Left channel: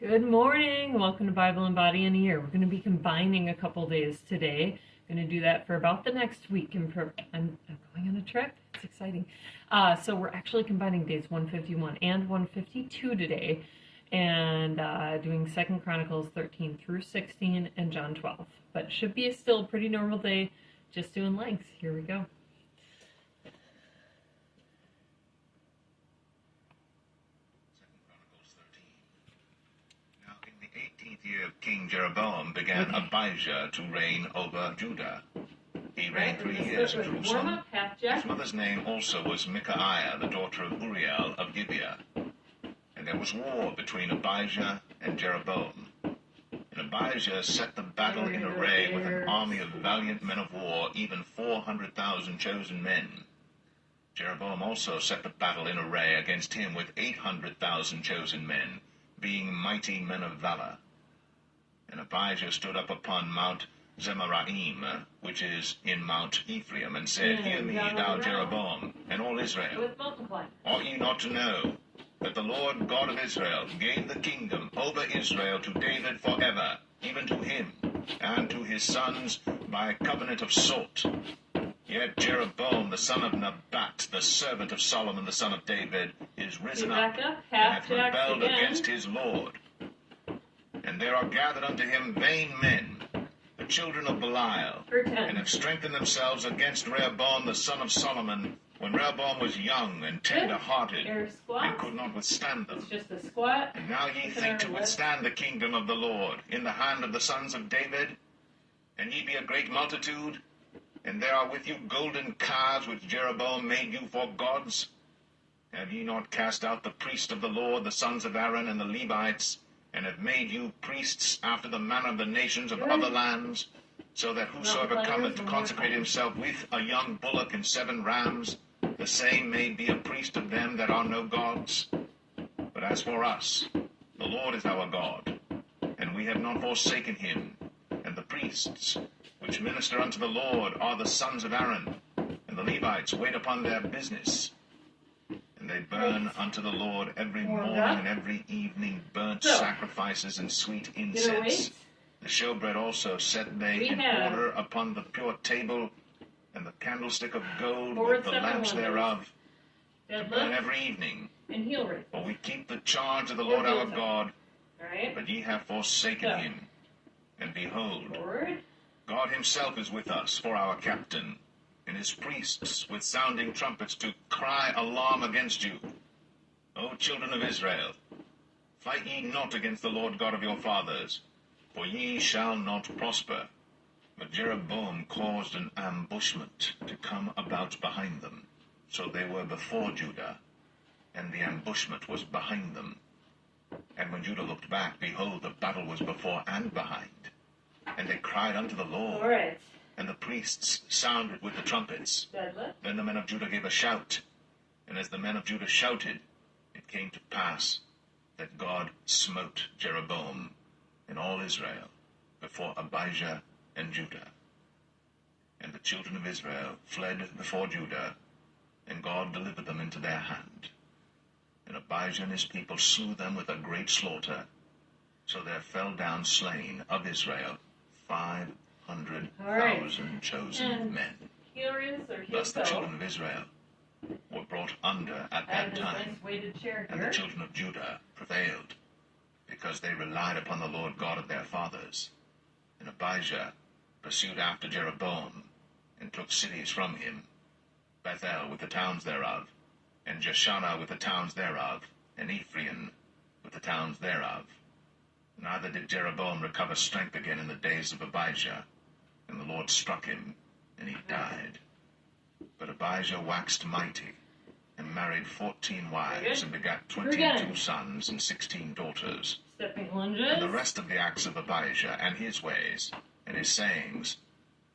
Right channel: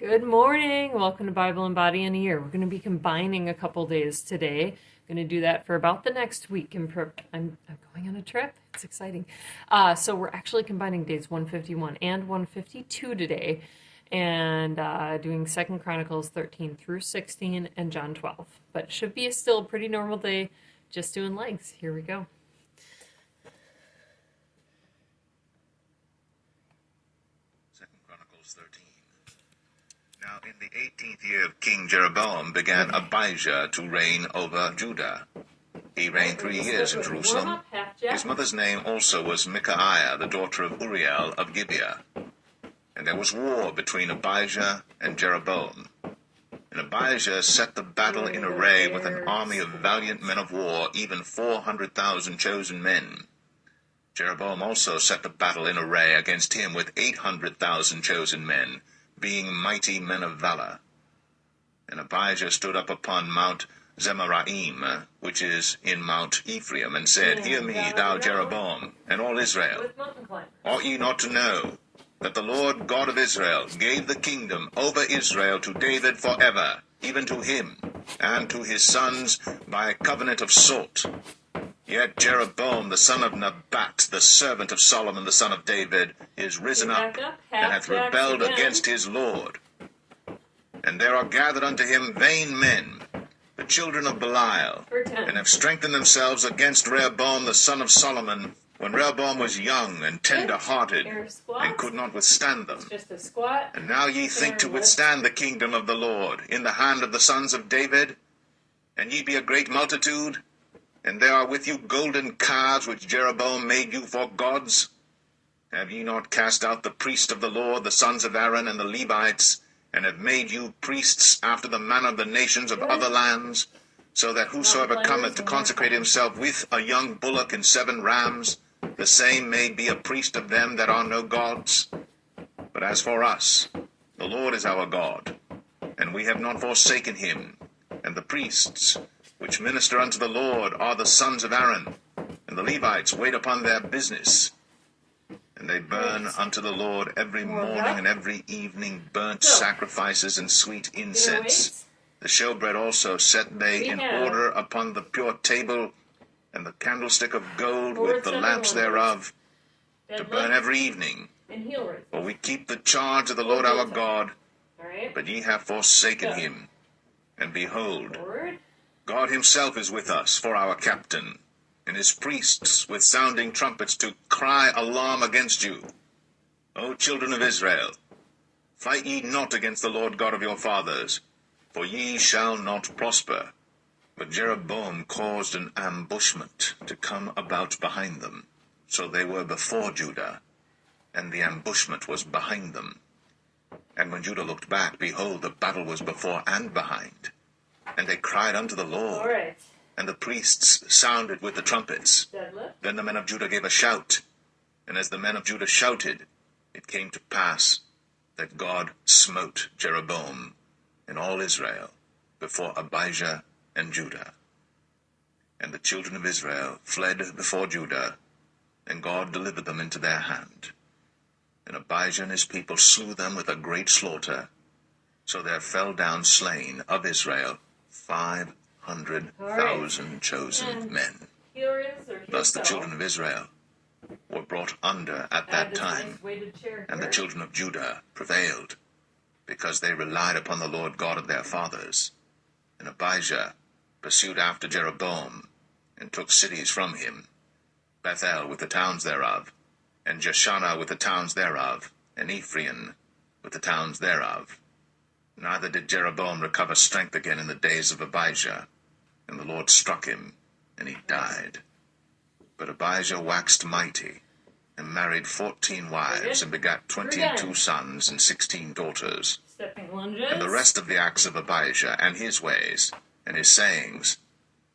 Good morning. Welcome to Bible and Body in a Year. We're going to be combining a couple days today. I'm going to do that for about the next week. I'm going on a trip. It's exciting. So we're actually combining days 151 and 152 today, and doing 2 Chronicles 13 through 16 and John 12. But it should be still a pretty normal day, just doing lengths. Here we go. Now in the 18th year of King Jeroboam began Abijah to reign over Judah. He reigned 3 years in Jerusalem. His mother's name also was Micaiah, the daughter of Uriel of Gibeah. And there was war between Abijah and Jeroboam. And Abijah set the battle in array with an army of valiant men of war, even 400,000 chosen men. Jeroboam also set the battle in array against him with 800,000 chosen men, being mighty men of valor. And Abijah stood up upon Mount Zemaraim, which is in Mount Ephraim, and said, Hear me, thou Jeroboam, and all Israel. Ought ye not to know that the Lord God of Israel gave the kingdom over Israel to David forever, even to him, and to his sons by a covenant of salt? Yet Jeroboam the son of Nebat, the servant of Solomon the son of David, is risen up, and hath rebelled against his Lord. And there are gathered unto him vain men, the children of Belial, and have strengthened themselves against Rehoboam the son of Solomon, when Rehoboam was young and tender-hearted, and could not withstand them. And now ye think to withstand the kingdom of the Lord in the hand of the sons of David? And ye be a great multitude? And there are with you golden calves which Jeroboam made you for gods? Have ye not cast out the priests of the Lord, the sons of Aaron, and the Levites, and have made you priests after the manner of the nations of other lands, so that whosoever cometh to consecrate himself with a young bullock and 7 rams, the same may be a priest of them that are no gods? But as for us, the Lord is our God, and we have not forsaken him. And the priests which minister unto the Lord are the sons of Aaron, and the Levites wait upon their business. And they burn unto the Lord every morning and every evening burnt sacrifices and sweet incense. The showbread also set they in order upon the pure table, and the candlestick of gold with the lamps thereof, to burn every evening. For we keep the charge of the Lord our God, but ye have forsaken him. And behold, God himself is with us for our captain, and his priests with sounding trumpets to cry alarm against you. O children of Israel, fight ye not against the Lord God of your fathers, for ye shall not prosper. But Jeroboam caused an ambushment to come about behind them. So they were before Judah, and the ambushment was behind them. And when Judah looked back, behold, the battle was before and behind. And they cried unto the Lord, and the priests sounded with the trumpets. Then the men of Judah gave a shout, and as the men of Judah shouted, it came to pass that God smote Jeroboam and all Israel before Abijah and Judah. And the children of Israel fled before Judah, and God delivered them into their hand. And Abijah and his people slew them with a great slaughter, so there fell down slain of Israel 500,000 chosen men. Thus the children of Israel were brought under at that time, and the children of Judah prevailed, because they relied upon the Lord God of their fathers. And Abijah pursued after Jeroboam, and took cities from him, Bethel with the towns thereof, and Jeshanah with the towns thereof, and Ephraim with the towns thereof. Neither did Jeroboam recover strength again in the days of Abijah, and the Lord struck him, and he died. But Abijah waxed mighty, and married 14 wives, and begat 22 sons and 16 daughters. And the rest of the acts of Abijah, and his ways, and his sayings,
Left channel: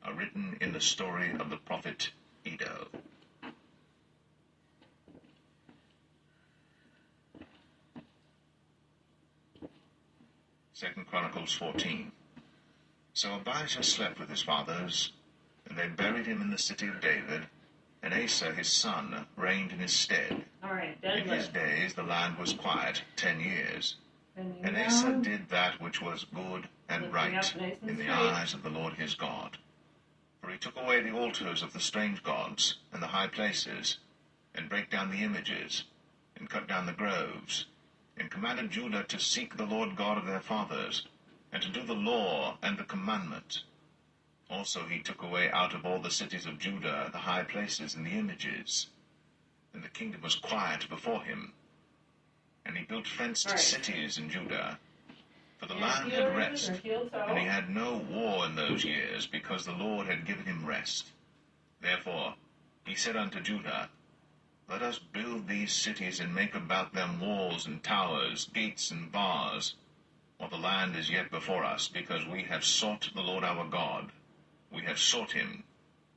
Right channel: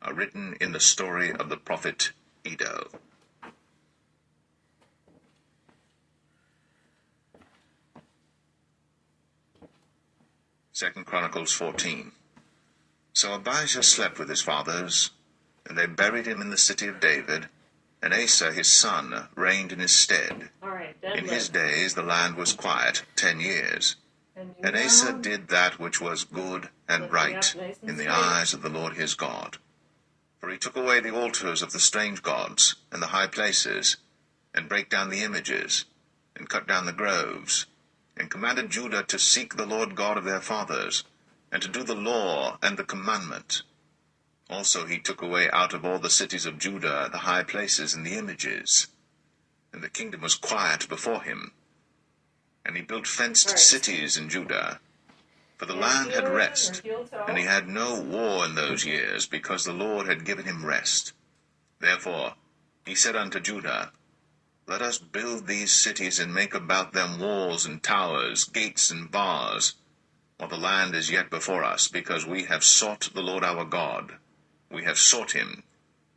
are written in the story of the prophet Iddo. Second Chronicles 14. So Abijah slept with his fathers, and they buried him in the city of David, and Asa his son reigned in his stead. In his days the land was quiet 10 years. And Asa did that which was good and right in the eyes of the Lord his God. For he took away the altars of the strange gods and the high places, and brake down the images, and cut down the groves, and commanded Judah to seek the Lord God of their fathers, and to do the law and the commandment. Also he took away out of all the cities of Judah the high places and the images. And the kingdom was quiet before him. And he built fenced cities in Judah. For the land had rest, and he had no war in those years, because the Lord had given him rest. Therefore he said unto Judah, Let us build these cities, and make about them walls and towers, gates and bars, while the land is yet before us, because we have sought the Lord our God. We have sought him,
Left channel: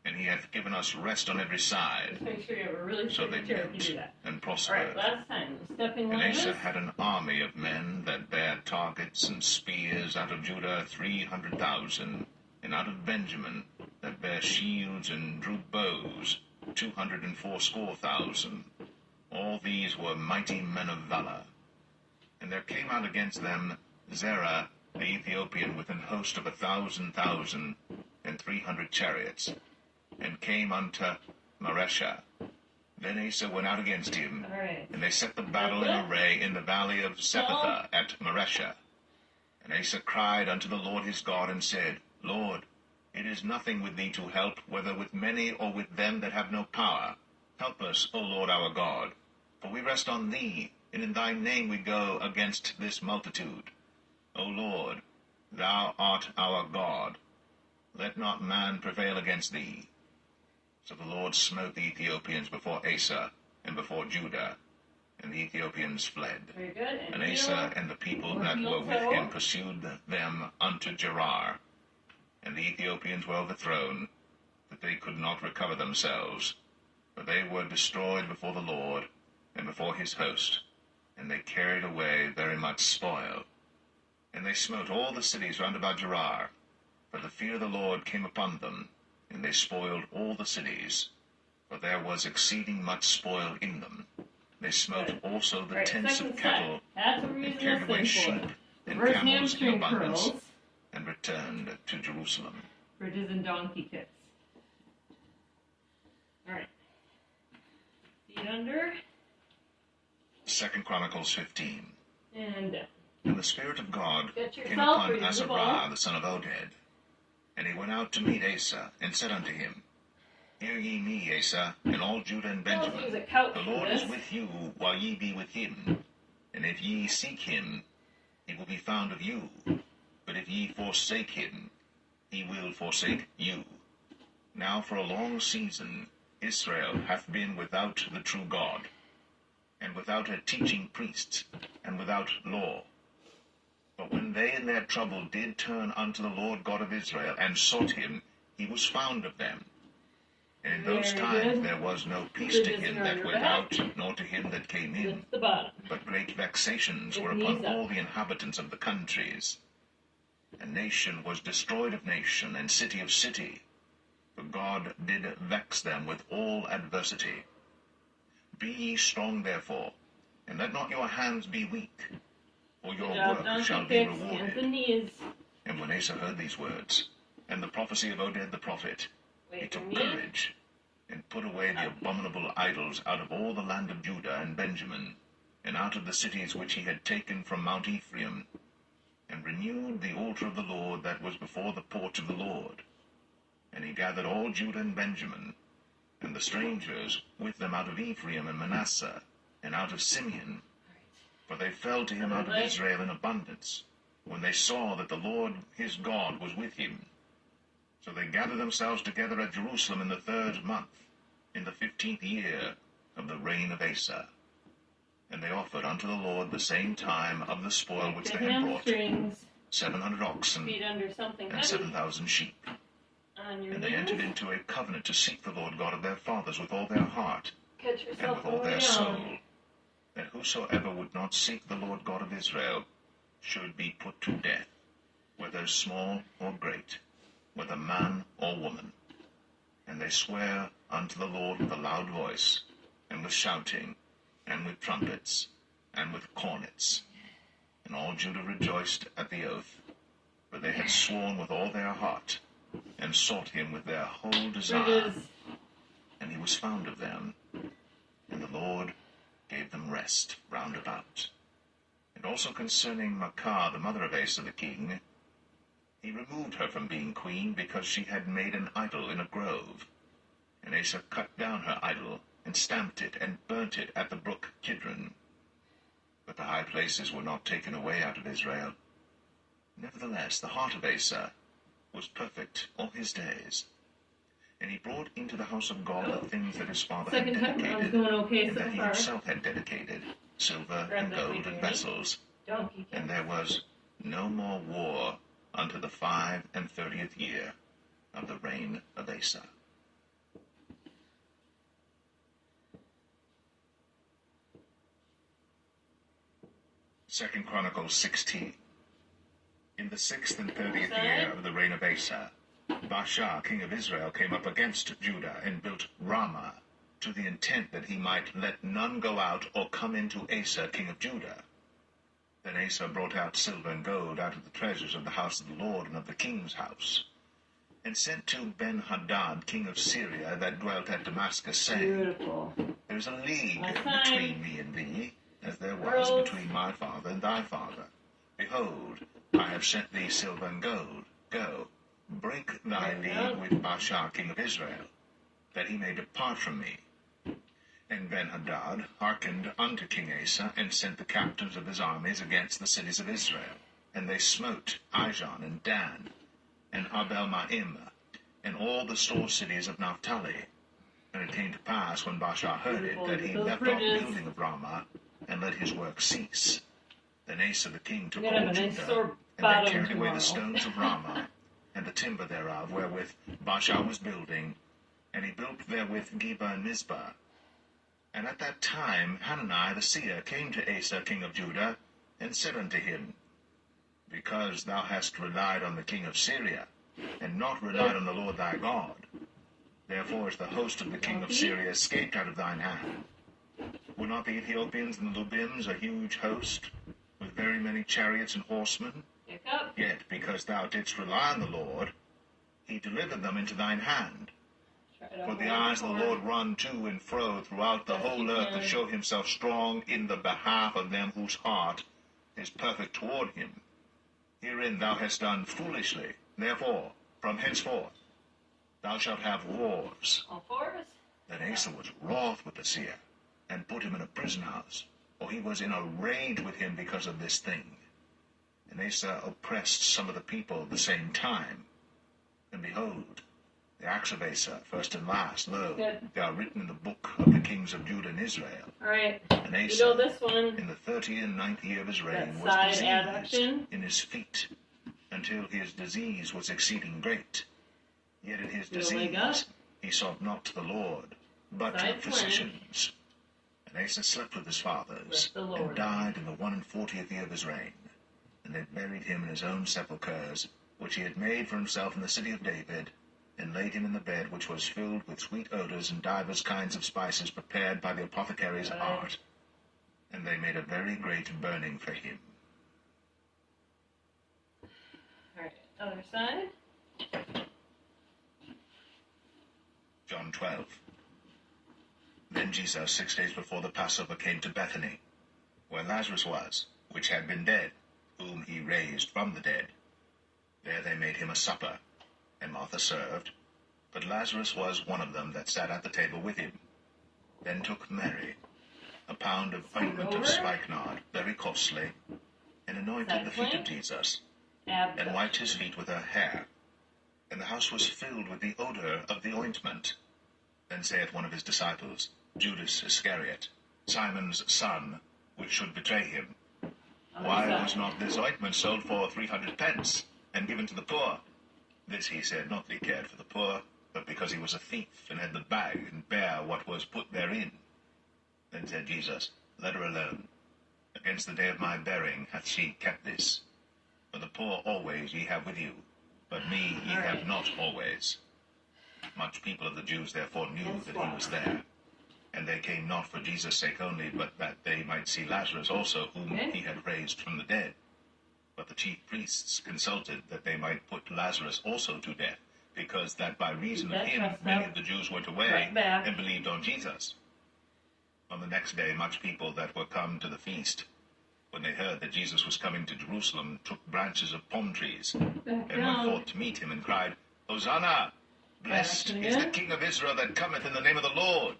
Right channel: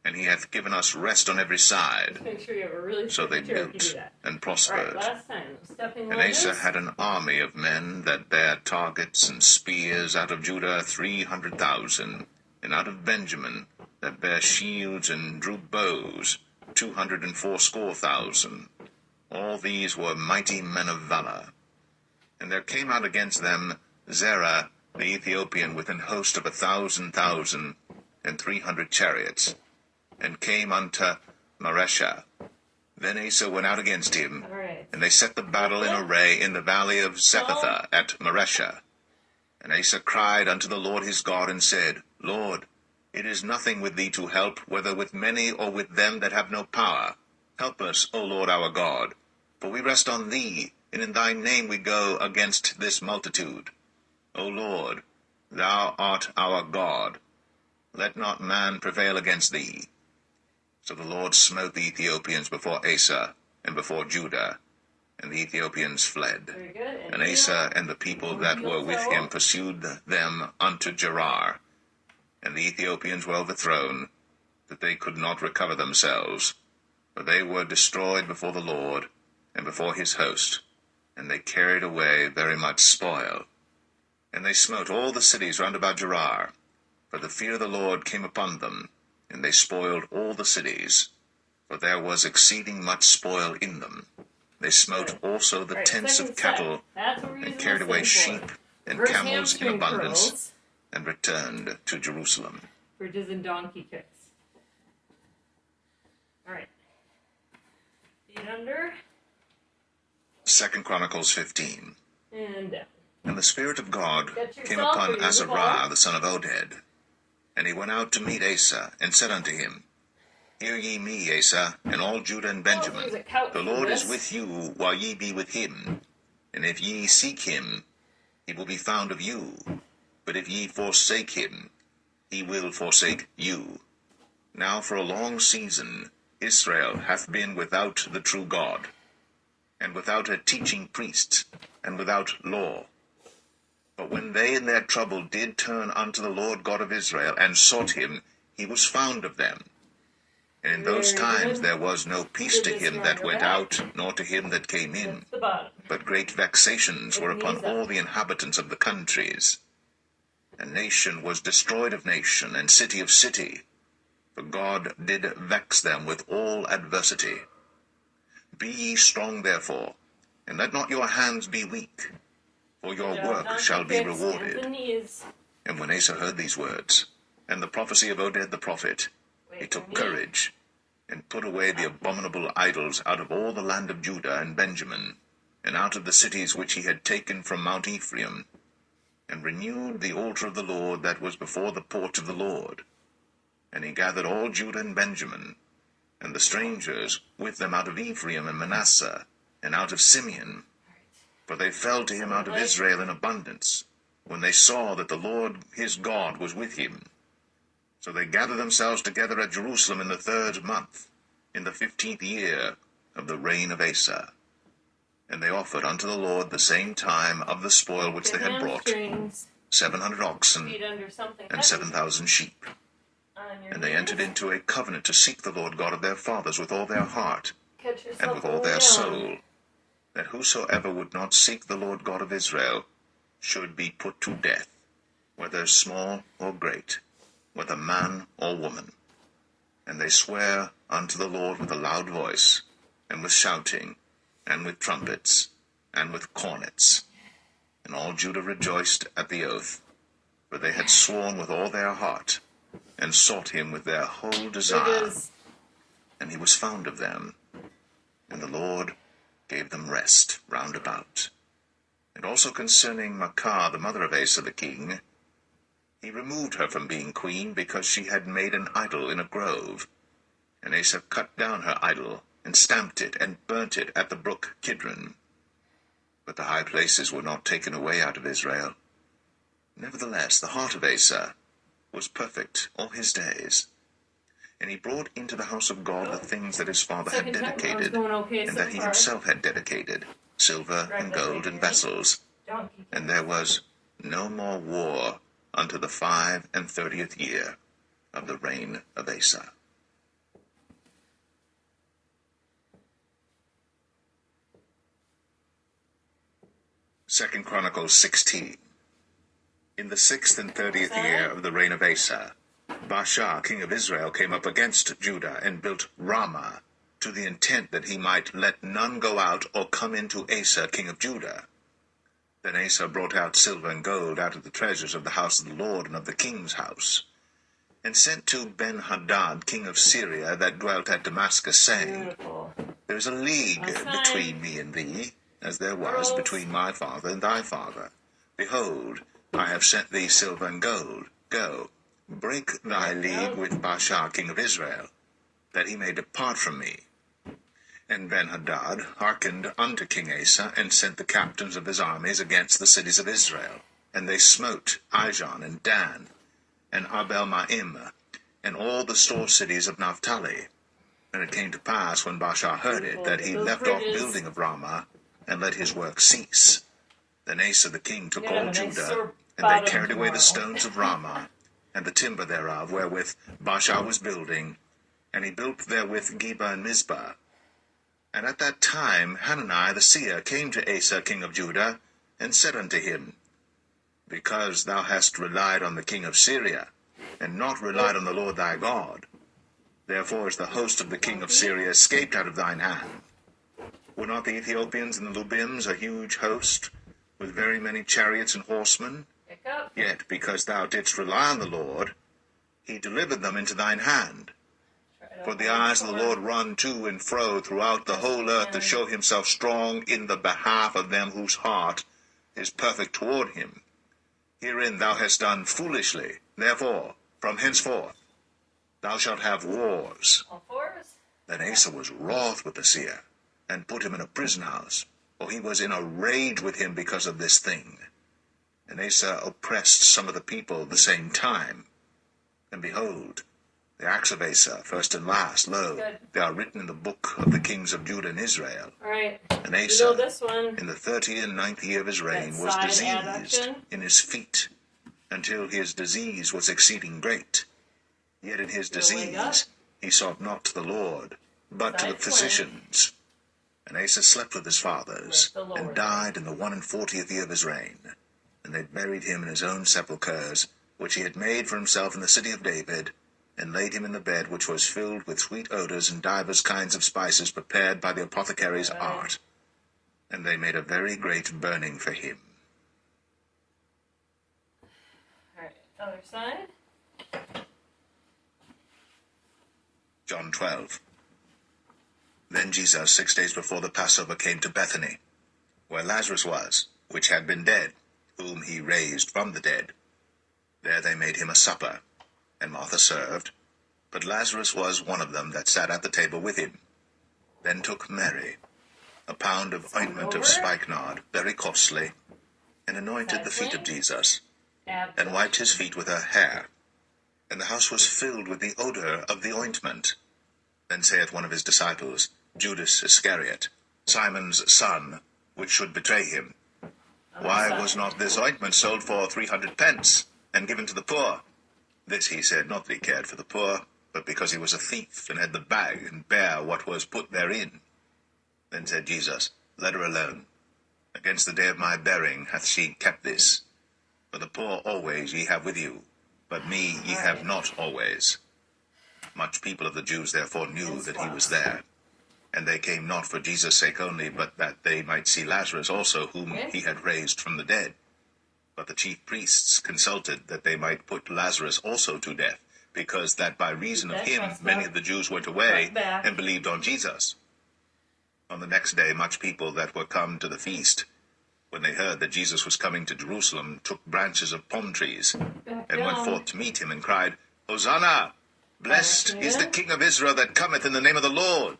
and he hath given us rest on every side. Just make sure you have a really So they built and prospered. Last time, And Asa had an army of men that bare targets and spears out of Judah 300,000, and out of Benjamin that bare shields and drew bows 280,000. All these were mighty men of valor. And there came out against them Zerah the Ethiopian with an host of 1,000,000 and 300 chariots, and came unto Mareshah. Then Asa went out against him, and they set the battle in array in the valley of Zephathah at Mareshah. And Asa cried unto the Lord his God, and said, Lord, it is nothing with thee to help, whether with many or with them that have no power. Help us, O Lord our God, for we rest on thee, and in thy name we go against this multitude. O Lord, thou art our God. Let not man prevail against thee. So the Lord smote the Ethiopians before Asa and before Judah, and the Ethiopians fled. Very good. And Asa and the people that were with him pursued them unto Gerar. And the Ethiopians were overthrown, that they could not recover themselves, for they were destroyed before the Lord and before his host, and they carried away very much spoil. And they smote all the cities round about Gerar, for the fear of the Lord came upon them, and they spoiled all the cities, for there was exceeding much spoil in them. They smote also the tents of cattle, and carried away sheep and camels in abundance, and returned to Jerusalem. Bridges and donkey kicks. All right. Feet under. 2 Chronicles 15. And down. And the Spirit of God came upon Azariah the son of Oded. And he went out to meet Asa, and said unto him, Hear ye me, Asa, and all Judah and Benjamin. The Lord is with you, while ye be with him. And if ye seek him, he will be found of you. But if ye forsake him, he will forsake you. Now for a long season Israel hath been without the true God, and without a teaching priest, and without law. But when they in their trouble did turn unto the Lord God of Israel, and sought him, he was found of them. And in those times there was no peace to him that went out, nor to him that came in. But great vexations were upon all the inhabitants of the countries. And nation was destroyed of nation, and city of city. For God did vex them with all adversity. Be ye strong therefore, and let not your hands be weak, for your work shall be rewarded. And when Asa heard these words, and the prophecy of Oded the prophet, he took courage, and put away the abominable idols out of all the land of Judah and Benjamin, and out of the cities which he had taken from Mount Ephraim, and renewed the altar of the Lord that was before the porch of the Lord. And he gathered all Judah and Benjamin, and the strangers with them out of Ephraim and Manasseh, and out of Simeon. For they fell to him out of Israel in abundance, when they saw that the Lord his God was with him. So they gathered themselves together at Jerusalem in the 3rd month, in the 15th year of the reign of Asa. And they offered unto the Lord the same time of the spoil which they had brought, 700 oxen and 7,000 sheep. And they entered into a covenant to seek the Lord God of their fathers with all their heart, and with all their soul, that whosoever would not seek the Lord God of Israel should be put to death, whether small or great, whether man or woman. And they swear unto the Lord with a loud voice, and with shouting, and with trumpets, and with cornets. And all Judah rejoiced at the oath, for they had sworn with all their heart, and sought him with their whole desire. And he was found of them, and the Lord gave them rest round about. And also concerning Maachah, the mother of Asa the king, he removed her from being queen, because she had made an idol in a grove. And Asa cut down her idol, and stamped it, and burnt it at the brook Kidron. But the high places were not taken away out of Israel. Nevertheless, the heart of Asa was perfect all his days. And he brought into the house of God the things that his father had dedicated, and that he himself had dedicated, silver and gold and vessels. And there was no more war unto the 35th year of the reign of Asa. Second Chronicles 16. In the 36th year of the reign of Asa, Baasha, king of Israel, came up against Judah, and built Ramah, to the intent that he might let none go out or come into Asa, king of Judah. Then Asa brought out silver and gold out of the treasures of the house of the Lord and of the king's house, and sent to Ben-Hadad, king of Syria, that dwelt at Damascus, saying, There is a league between me and thee, as there was between my father and thy father. Behold, I have sent thee silver and gold. Go, break thy league with Baasha, king of Israel, that he may depart from me. And Ben-Hadad hearkened unto King Asa, and sent the captains of his armies against the cities of Israel. And they smote Ijon and Dan, and Abel-Maim, and all the store cities of Naphtali. And it came to pass, when Baasha heard it, that he left off building of Ramah, and let his work cease. Then Asa the king took all Judah, and they carried away the stones of Ramah, and the timber thereof, wherewith Baasha was building, and he built therewith Geba and Mizpah. And at that time Hanani the seer came to Asa king of Judah, and said unto him, Because thou hast relied on the king of Syria, and not relied on the Lord thy God, therefore is the host of the king of Syria escaped out of thine hand. Were not the Ethiopians and the Lubims a huge host, with very many chariots and horsemen? Yet, because thou didst rely on the Lord, he delivered them into thine hand. For the eyes of the Lord run to and fro throughout the whole earth, to show himself strong in the behalf of them whose heart is perfect toward him. Herein thou hast done foolishly. Therefore, from henceforth, thou shalt have wars. Then Asa was wroth with the seer, and put him in a prison house, for he was in a rage with him because of this thing. And Asa oppressed some of the people at the same time. And behold, the acts of Asa, first and last, lo, they are written in the book of the kings of Judah and Israel. And Asa, in the 39th year of his reign, was diseased in his feet, until his disease was exceeding great. Yet in his disease he sought not to the Lord, but to the physicians. And Asa slept with his fathers, and died in the 41st year of his reign. And they buried him in his own sepulchres, which he had made for himself in the city of David, and laid him in the bed which was filled with sweet odors and divers kinds of spices prepared by the apothecary's art. And they made a very great burning for him. All right, other side. John 12. Then Jesus, 6 days before the Passover, came to Bethany, where Lazarus was, which had been dead, whom he raised from the dead. There they made him a supper, and Martha served, but Lazarus was one of them that sat at the table with him. Then took Mary a pound of ointment of spikenard, very costly, and anointed the feet of Jesus, and wiped his feet with her hair. And the house was filled with the odor of the ointment. Then saith one of his disciples, Judas Iscariot, Simon's son, which should betray him, Why was not this ointment sold for 300 pence, and given to the poor? This he said, not that he cared for the poor, but because he was a thief, and had the bag, and bare what was put therein. Then said Jesus, Let her alone. Against the day of my burying hath she kept this. For the poor always ye have with you, but me ye have not always. Much people of the Jews therefore knew that he was there. And they came not for Jesus' sake only, but that they might see Lazarus also, whom he had raised from the dead. But the chief priests consulted that they might put Lazarus also to death, because that by reason of him many of the Jews went away and believed on Jesus. On the next day much people that were come to the feast, when they heard that Jesus was coming to Jerusalem, took branches of palm trees, and went forth to meet him, and cried, Hosanna! Blessed is the King of Israel that cometh in the name of the Lord.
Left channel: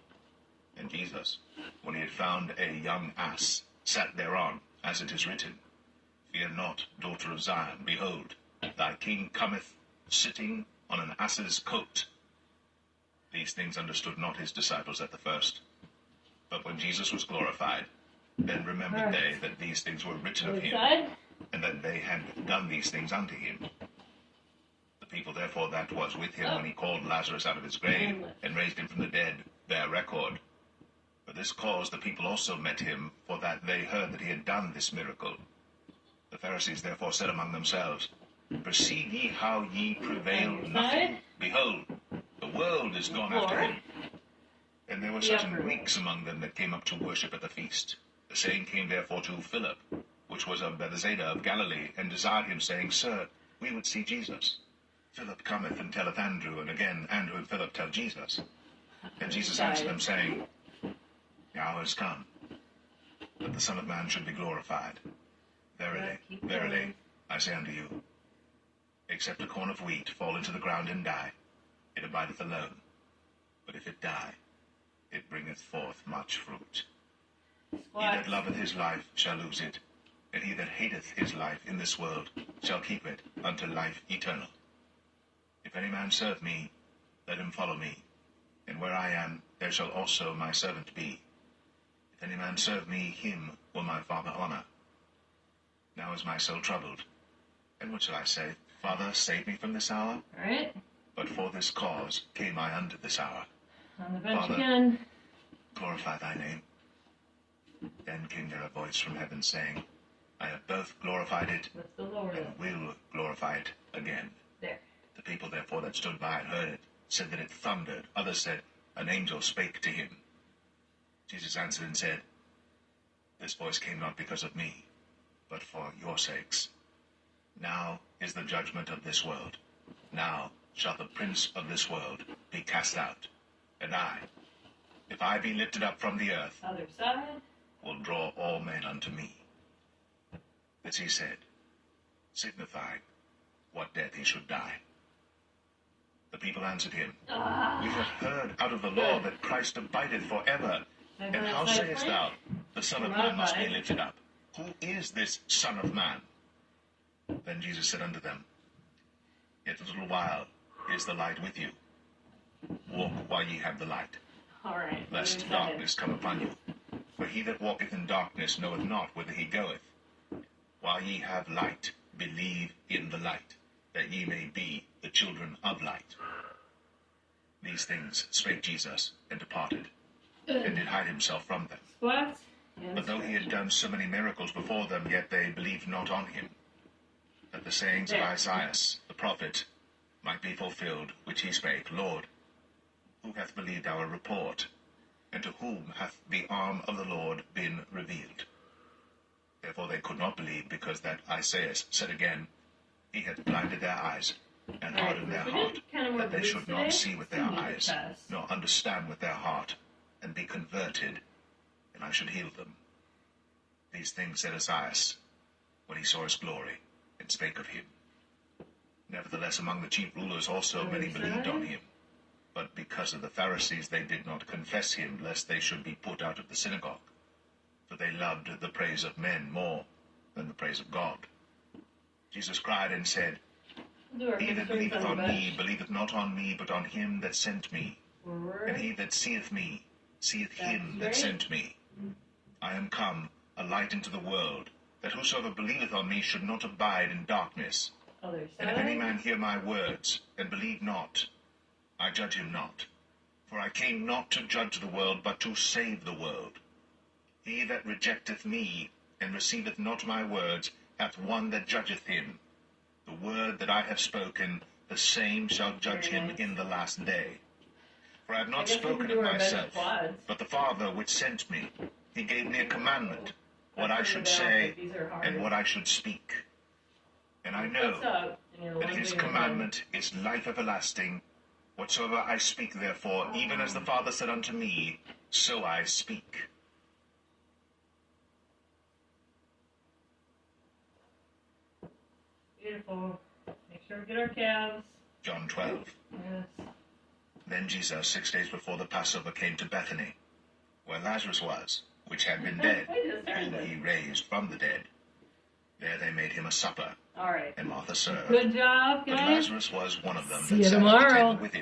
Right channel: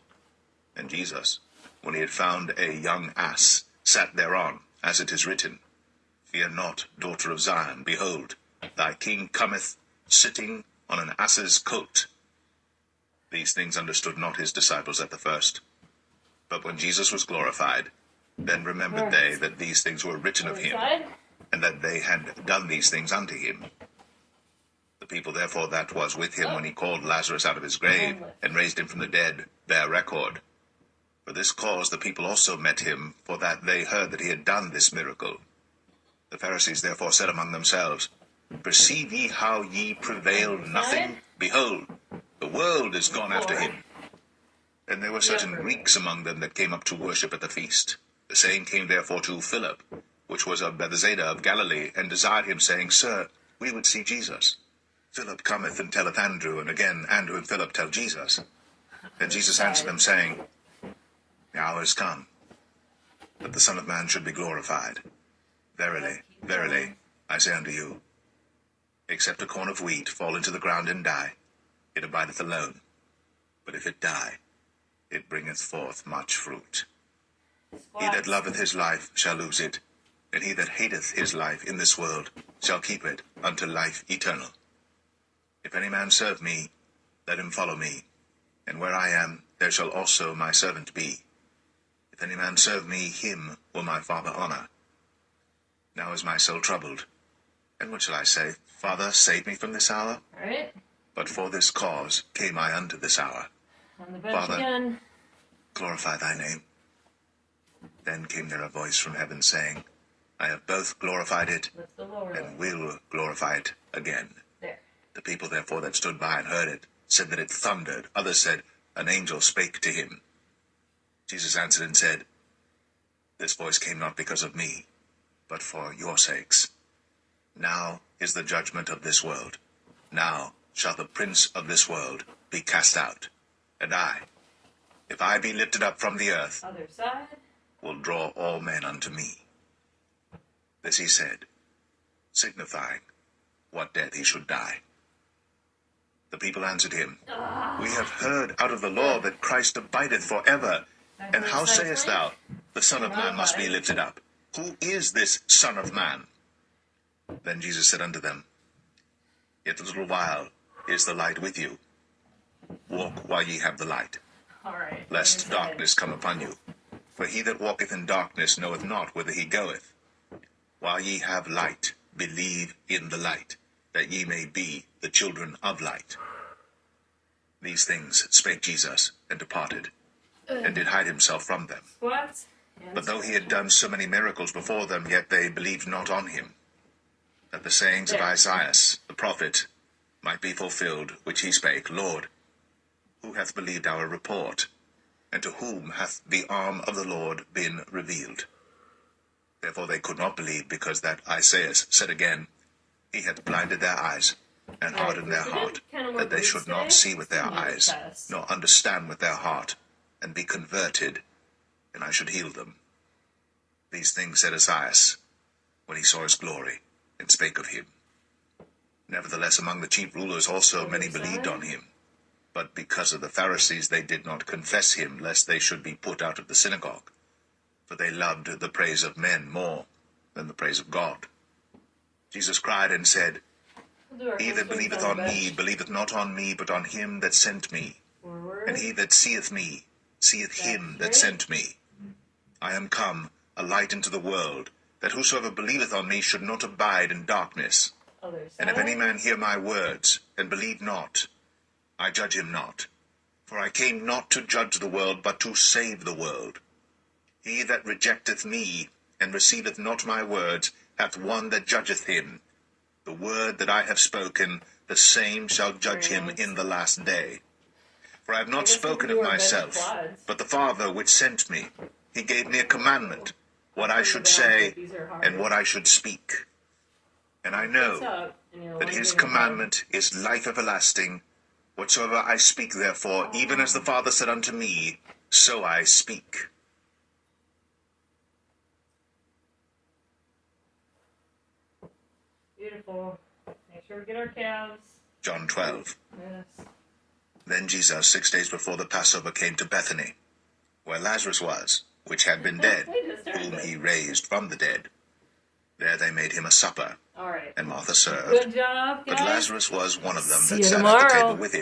And Jesus, when he had found a young ass, sat thereon, as it is written, Fear not, daughter of Zion, behold, thy king cometh, sitting on an ass's coat. These things understood not his disciples at the first. But when Jesus was glorified, then remembered they that these things were written of him, and that they had done these things unto him. The people therefore that was with him when he called Lazarus out of his grave, and raised him from the dead, bear record. For this cause the people also met him, for that they heard that he had done this miracle. The Pharisees therefore said among themselves, Perceive ye how ye prevail nothing? Behold, the world is gone after him. And there were certain Greeks among them that came up to worship at the feast. The same came therefore to Philip, which was of Bethsaida of Galilee, and desired him, saying, Sir, we would see Jesus. Philip cometh and telleth Andrew, and again Andrew and Philip tell Jesus. And Jesus answered them, saying, The hour is come, that the Son of Man should be glorified. Verily, verily, I say unto you, except a corn of wheat fall into the ground and die, it abideth alone. But if it die, it bringeth forth much fruit. He that loveth his life shall lose it, and he that hateth his life in this world shall keep it unto life eternal. If any man serve me, let him follow me, and where I am, there shall also my servant be. If any man serve me, him will my Father honor. Now is my soul troubled, and what shall I say? Father, save me from this hour? All right. But for this cause came I unto this hour. On the bench Father, again. Glorify thy name. Then came there a voice from heaven, saying, I have both glorified it, That's the lower and will glorify it again. There. The people therefore that stood by and heard it said that it thundered. Others said, An angel spake to him. Jesus answered and said, This voice came not because of me, but for your sakes. Now is the judgment of this world. Now shall the prince of this world be cast out. And I, if I be lifted up from the earth, Other side. will draw all men unto me. This he said, signifying what death he should die. The people answered him, We have heard out of the law that Christ abideth forever. And how sayest thou, the Son of Man must be lifted up? Who is this Son of Man? Then Jesus said unto them, Yet a little while is the light with you. Walk while ye have the light, All right. lest darkness come upon you. For he that walketh in darkness knoweth not whither he goeth. While ye have light, believe in the light, that ye may be the children of light. These things spake Jesus, and departed, and did hide himself from them. What? But though he had done so many miracles before them, yet they believed not on him, that the sayings of Isaiah the prophet might be fulfilled, which he spake, Lord, who hath believed our report? And to whom hath the arm of the Lord been revealed? Therefore they could not believe, because that Isaiah said again, He hath blinded their eyes, and hardened their heart, that they should not see with their eyes, nor understand with their heart, and be converted, and I should heal them. These things said Isaiah, when he saw his glory, and spake of him. Nevertheless, among the chief rulers also many believed on him. But because of the Pharisees they did not confess him, lest they should be put out of the synagogue. For they loved the praise of men more than the praise of God. Jesus cried and said, He that believeth on me believeth not on me, but on him that sent me. And he that seeth me seeth him that sent me. I am come a light into the world, that whosoever believeth on me should not abide in darkness. And if any man hear my words, and believe not, I judge him not. For I came not to judge the world, but to save the world. He that rejecteth me, and receiveth not my words, hath one that judgeth him. The word that I have spoken, the same shall judge him in the last day. For I have not guess we can spoken do of our myself, quads. but the Father which sent me. He gave me a commandment, what I That's should the balance, say but these are hard. and what I should speak. And I know What's up? And you're that lunging his ahead. commandment is life everlasting. Whatsoever I speak, therefore, even as the Father said unto me, so I speak. Beautiful. Make sure we get our calves. John 12. Yes. Then Jesus, 6 days before the Passover, came to Bethany, where Lazarus was, which had been dead, whom he raised from the dead. There they made him a supper, All right. and Martha served. Good job, guys. But Lazarus was one of them See that you sat at the tomorrow. table with him.